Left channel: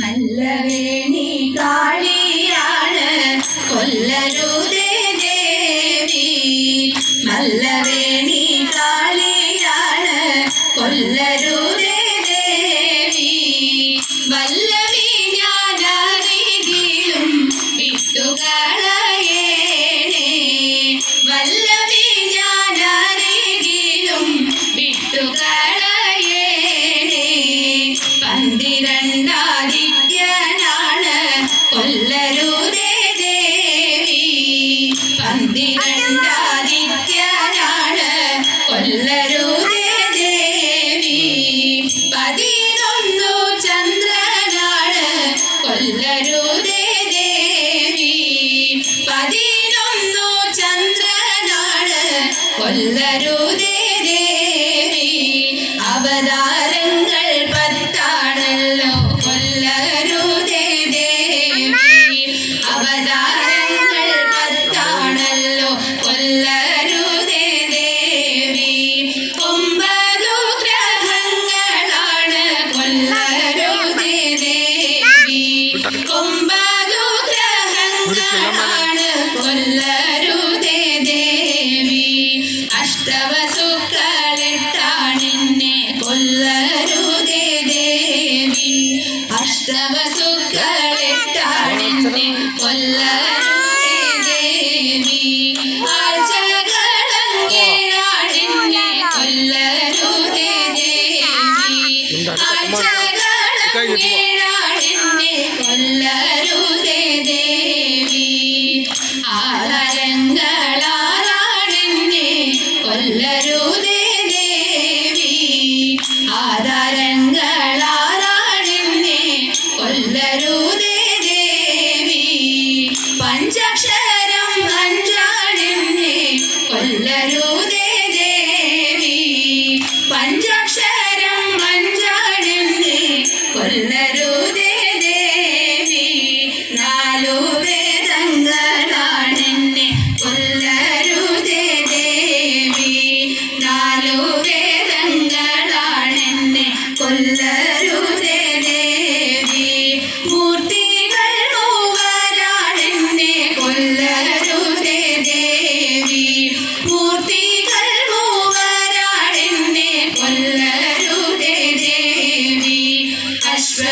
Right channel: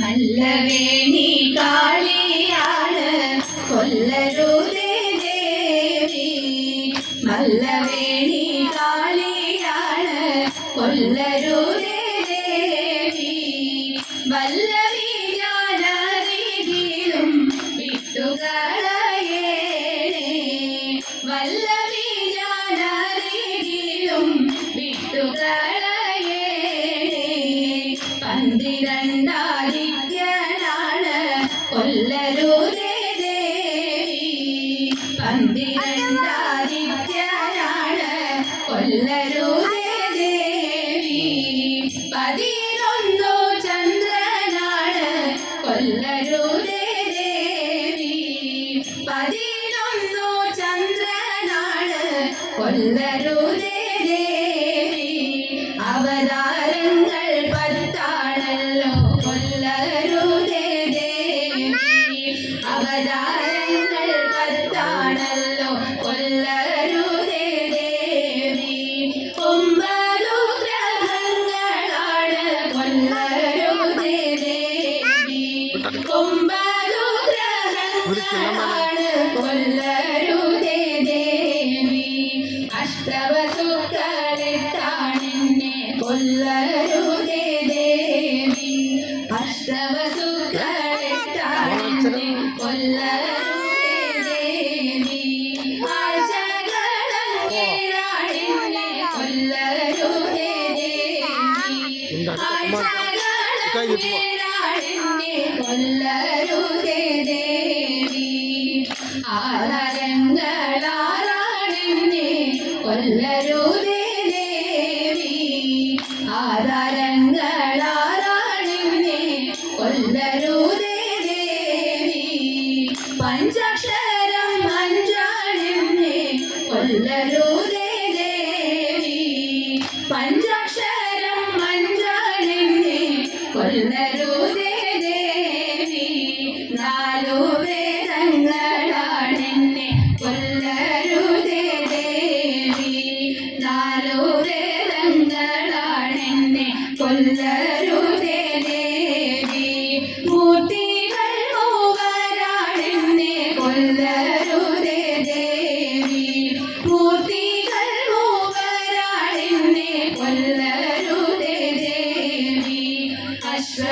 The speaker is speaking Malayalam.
മല്ലവേണി കാളിയാണ് കൊല്ലരുതേ ദേവി. മല്ലവേണി കാളിയാണ് കൊല്ലരുതേ ദേവി. വല്ലവി ഞാനറികിലും വിട്ടുകളയേണേ. വല്ലവി ഞാനറികിലും വിട്ടുകളയേണേ. പന്തിരണ്ടാദിത്യനാണ് കൊല്ലരുതേ ദേവി. പന്തിരണ്ടാദിത്യനാണ് കൊല്ലരുതേ ദേവി. 11 ചന്ദ്രനാണ് കൊല്ലരുതേ ദേവി. 11 ചന്ദ്രനാണ് കൊല്ലരുതേ ദേവി. അവതാരങ്ങൾ 10 കൊല്ലരുതേ ദേവി. അവതാരങ്ങൾ 10 കൊല്ലരുതേ ദേവി. 9 ഗ്രഹങ്ങളാണ് കൊല്ലരുതേ ദേവി. 9 ഗ്രഹങ്ങളാണ് കൊല്ലരുതേ ദേവി. അഷ്ടവസുക്കളെട്ടാണെന്നെ കൊല്ലരുതേ ദേവി. അഷ്ടവസുക്കളെട്ടാണെന്നെ കൊല്ലരുതേ ദേവി. ആഴ്ചകളങ്ങേഴാണെന്നെ കൊല്ലരുതേ ദേവി. ആഴ്ചകളങ്ങേഴാണെന്നെ കൊല്ലരുതേ ദേവി. ആധാരങ്ങളാറാണെന്നെ കൊല്ലരുതേ ദേവി. ആധാരങ്ങളാറാണെന്നെ കൊല്ലരുതേ ദേവി. പഞ്ചാക്ഷരം 5 കൊല്ലരുതേ ദേവി. പഞ്ചാക്ഷരം 5 കൊല്ലരുതേ ദേവി. 4 വേദങ്ങളാണെന്നെ കൊല്ലരുതേ ദേവി. 4 വേദങ്ങളാണെന്നെ കൊല്ലരുതേ ദേവി. മൂർത്തികൾ 3 കൊല്ലരുതേ ദേവി. മൂർത്തികൾ 3 കൊല്ലരുതേ ദേവി. അശ്വ